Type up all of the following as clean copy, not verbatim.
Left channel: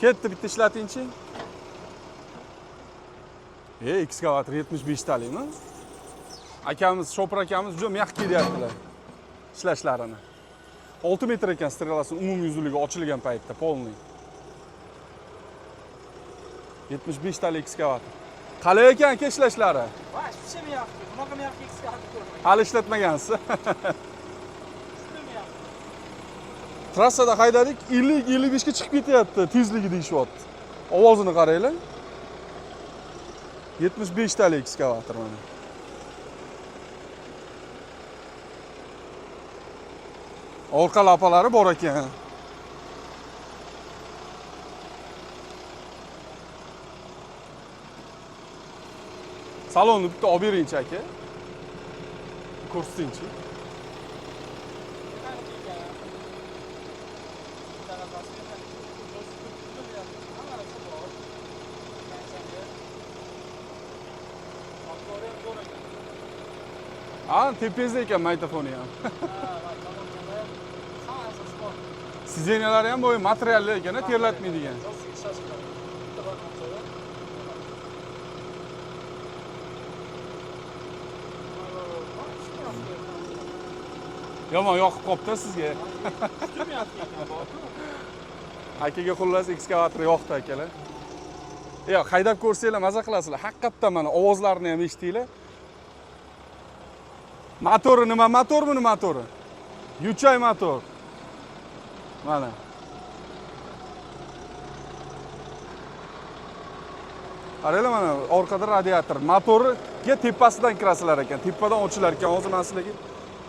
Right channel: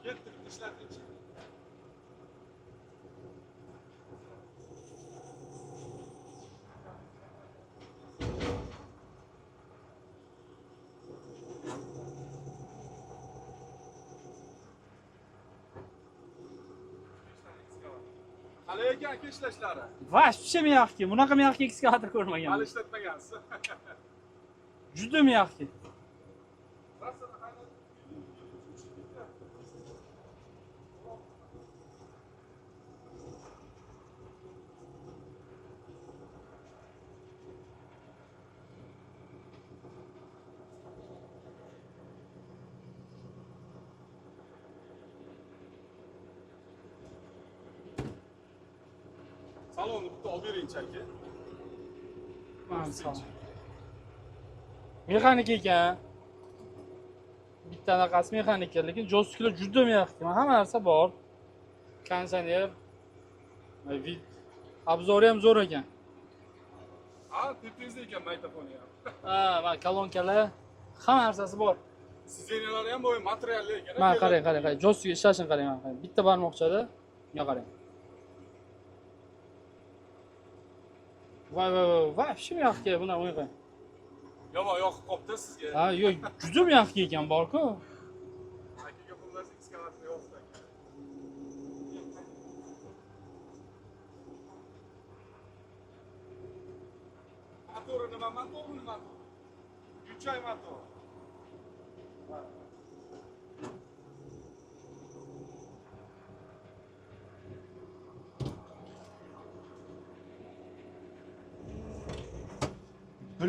Ketdi, bitta ishlatingchi. Ekskavator 75 talikmi? Akamiz, Shopir akamiz juda myaxkii deyaptilar ishlashlarini. 6 metr ekan strelasi umumiy uzunligi ochilgan paytda polniy. 75 talik ekskavator. Qalay ekan aka ishlashlari? Вообще myaxki. Bunaqa myaxki ekskavator ko'rmagan. Hali ishlatmagansiz. Juda myaxki. Trassada haydadik, 50-55 ga chiqib ketyapti, tezligi deyishyapti. Ovozini qaranglar. 75 talik ekskavator mana. Orqa lapalari bor ekan. Salonni bitta olib beringchi aka. Ko'rsatingchi. Mexanik ekan. Bittaqasi mexanik ekan, lekin joystiklar juda myaxki. Hamma narsa bor. Konditsioner. Obzori ham zo'r ekan. Tepangizda ekan magnitofoni ham. Va kolonkalar hamma narsasi bor. Sizenalari ham bo'yi materialli ekan, terlatmaydigan. Joystik ishlashini qarang. Bitta barmoqchada. Mana qarang. Вообще myaxki buni o'yda. Yomon yoqib qopti sizga. Yo'q, juda myaxki ekan bor-ku. Akaga xullas ekskavator yoqdi akalar. Yo'q, haydab ko'rsanglar maza qilasizlar. Haqiqatdan mana ovozlarini ham eshitinglar. Motori nima motor buni motori? Yuchay motor. Mana. Qaranglar mana orqada radiator. Motoriga tepasidan kirasizlar ekan. Tepadan ochilar ekan. Hozir men sizlarga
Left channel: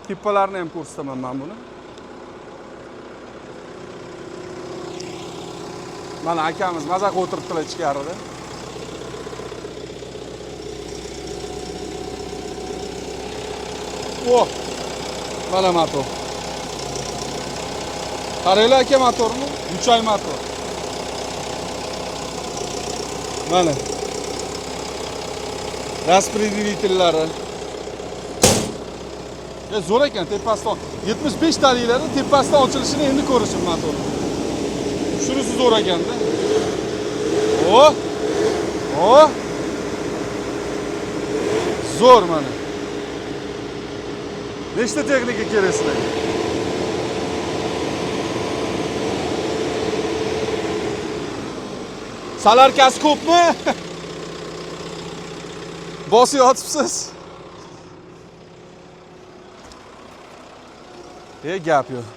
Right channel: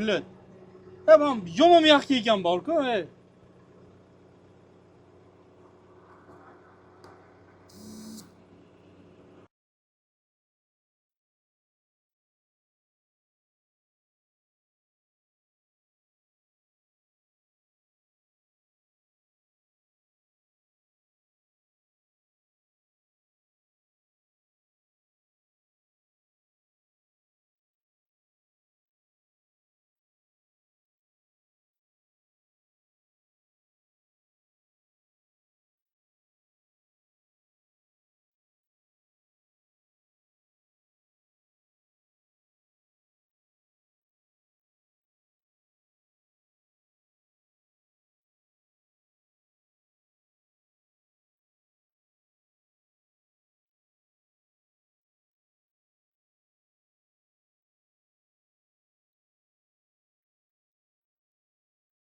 tepalarini ham ko'rsataman men buni. Yomon myaxki ekan bor-ku. Mana akamiz maza qilib o'tiribdilar ichkarida. Mana motor. Qaranglar aka motorni, Yuchay motor. Mana. Распределительlari. Zo'r ekan tepasidan 75 taliklarni tepasidan ochilishini endi ko'rishim motorni. Shunisi zo'r ekanda. Zo'r mana. Nechta texnika kerak sizlarga? Salarkasi ko'pmi? Bosib yotibsiz. Gap yo'q.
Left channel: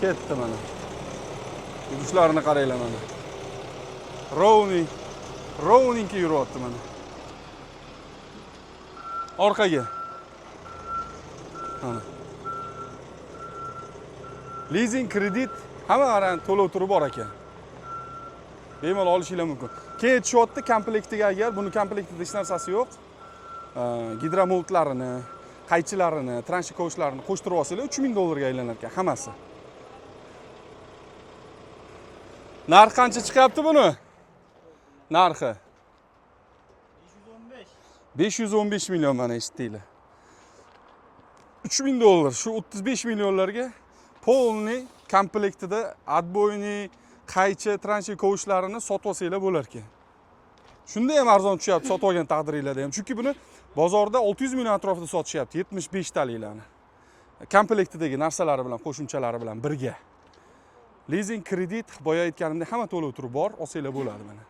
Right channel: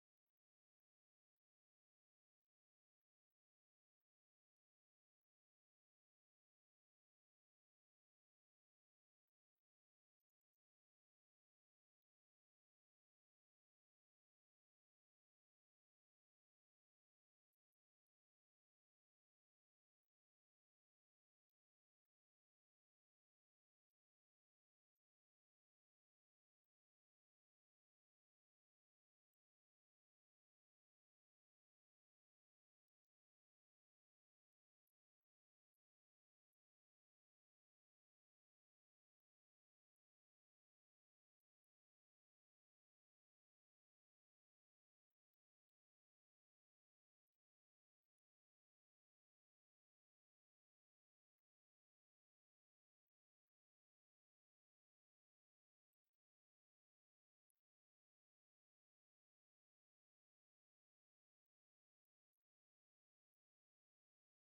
Ketdi mana. Yurishlarni qaranglar mana. Rowningga yuryapti mana. Orqaga. Mana. Leasing, kredit hamma qarang to'lov turi bor ekan. Bemalol olishinglar mumkin. Keyin tushyapti komplektiga agar buni komplektida hech narsasi yo'q. Gidromoltlarini, qaychilarini, transhi kovshlarini qo'shtirib olsanglar $3000 ga aylanar ekan hammasi. Narxi qancha chiqyapti buni? Narxi 515 million mana eshitdinglar. $3000 shu 35 millionlarga polniy komplektida отбойный, qaychi, transhi kovushlarini sotib olsanglar bo'lar ekan. Shunda ham arzon tushyapti sotib olgan taqdiringlarda ham. Chunki buni bozorda 600 million atrofida sotishyapti 75 taliklarni. Komplektidagi narsalari bilan, qo'shimchalari bilan birga. Leasing, kredit, boya aytganimdek hamma to'lov turi bor, olsanglar bo'ladi mana.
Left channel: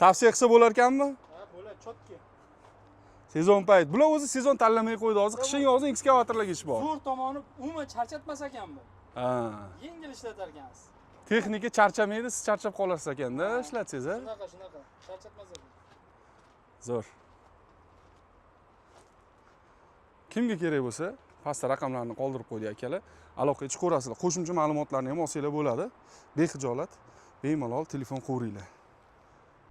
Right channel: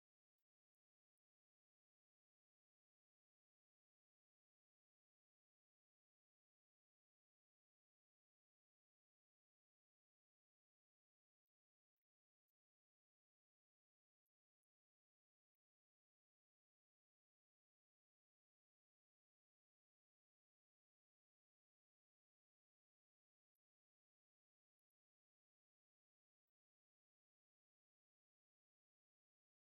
Tavsiya qilsa bo'lar ekanmi? Ha, bo'ladi, chotki. Sezon payt. Bular o'zi sezon tanlamay qo'ydi. Hozir qishning yozin ekskavatorlarga ish bor. Zo'r tomoni umuman charchatmas ekan bu. Yengil ishlatar ekansiz. Texnika charchamaydi, siz charchab qolasiz ekanda, ishlatsangiz, ha? Shunaqa, charchatmas ekan. Zo'r. Kimga kerak bo'lsa, pastda raqamlarni qoldirib qo'ydik akalar. Aloqaga chiqaverasizlar. Qo'shimcha ma'lumotlarni ham olsanglar bo'ladi. Bexijolat, bemalol telefon qo'yinglar.